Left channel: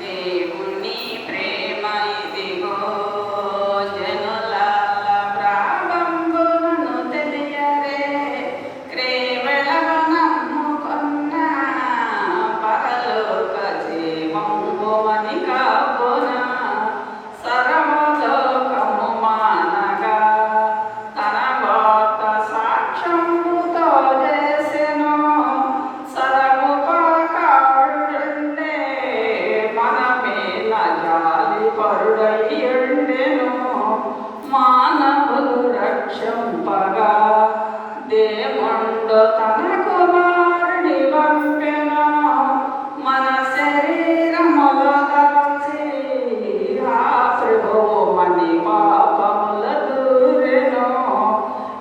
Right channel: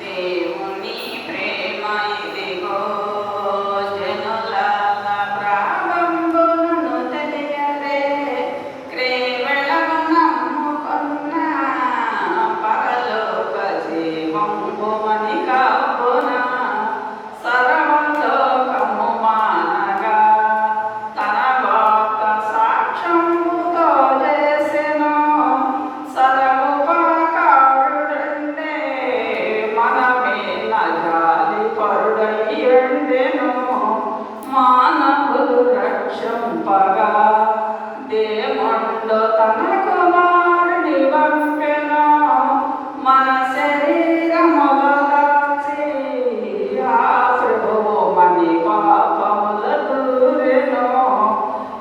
దేవుని ప్రేమ మానవులు రక్షింపగా దేవుండు తన కుమారుడి పంపెను మన శరీరము వదల్చి ఆ ప్రభువు మని పాపముల దూరెను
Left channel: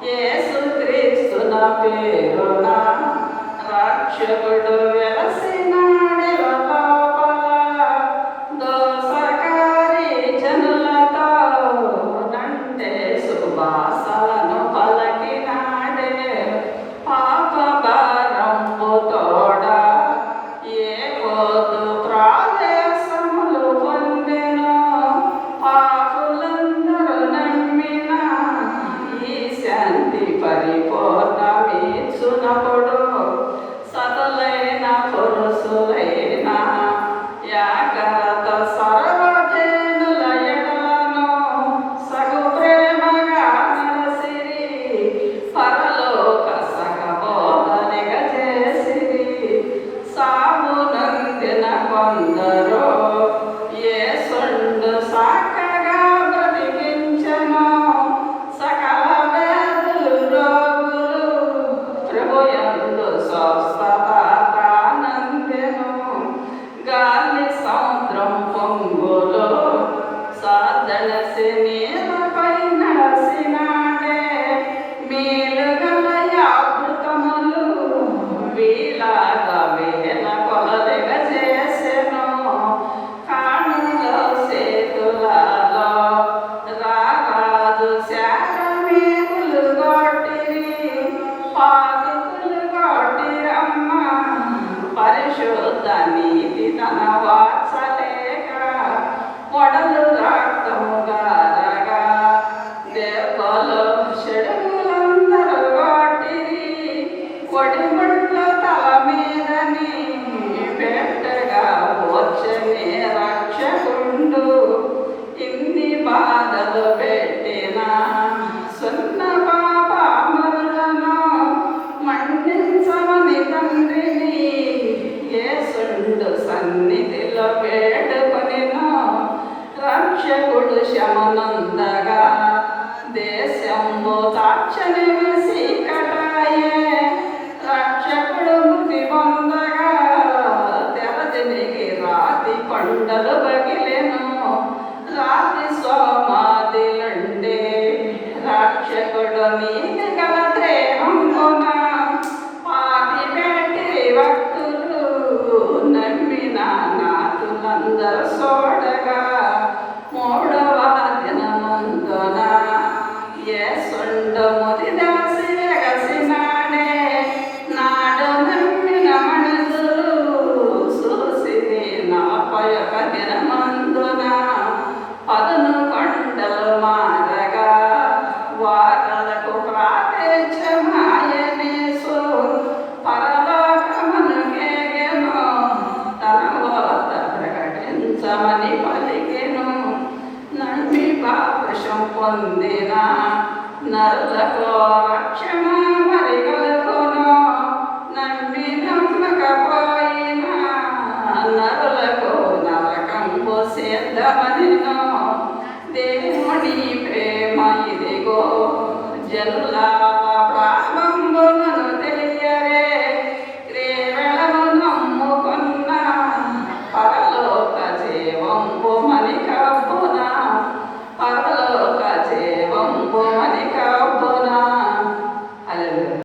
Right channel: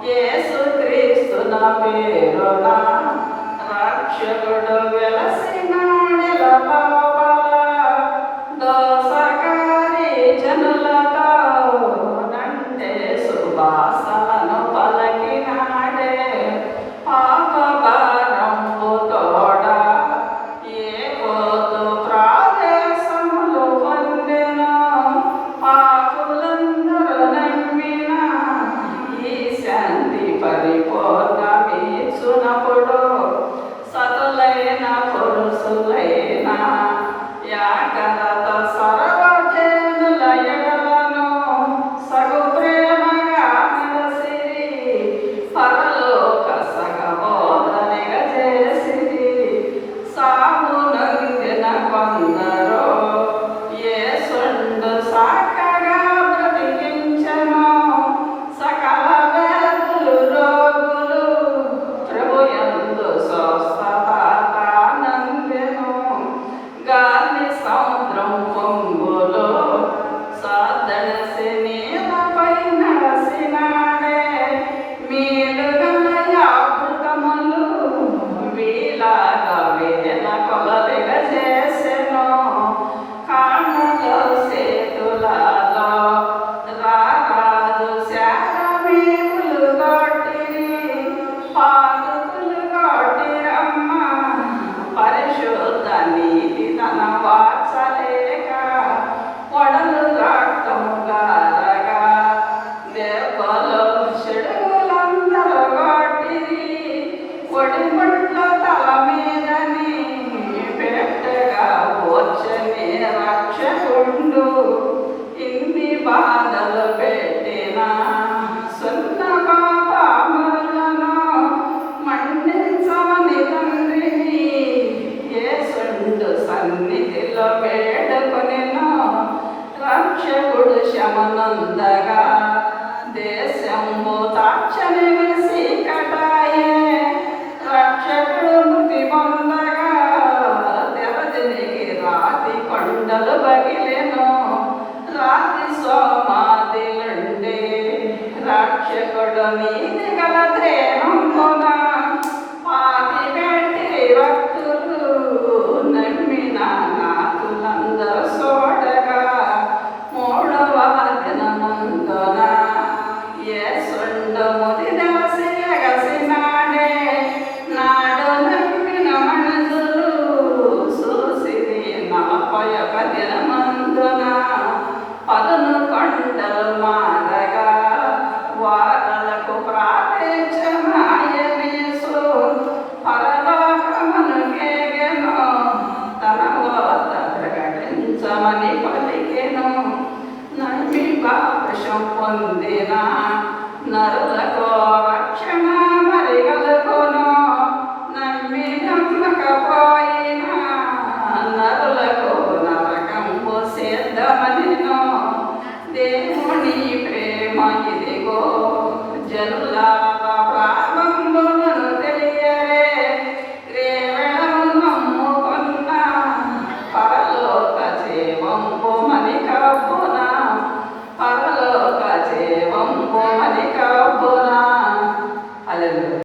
యేసుక్రీస్తున పేరున రక్షకుడు పరిశుద్ధాన్ని తన వాత్సలేక కొడలు రక్తముగా రగా దేవలో చెడులందరూ వాటి కొడిముట్ల తల మీదని పెట్టగా వచ్చని రక్షకుడు. శకుడు శమనందగా దేశంబో తాక్షని కటాయే రక్షకుడు ముఖిమందగా తెరదినికి రాతి పండలు బగిలేను రాతి సోమాదిలుండే రక్షకుడు మీది గల దేహంతో పొందిన నరులకు రక్షణ మరిగలకును నమ్మినట్లకపోయిన నరులకు నరకంబు సిద్ధమని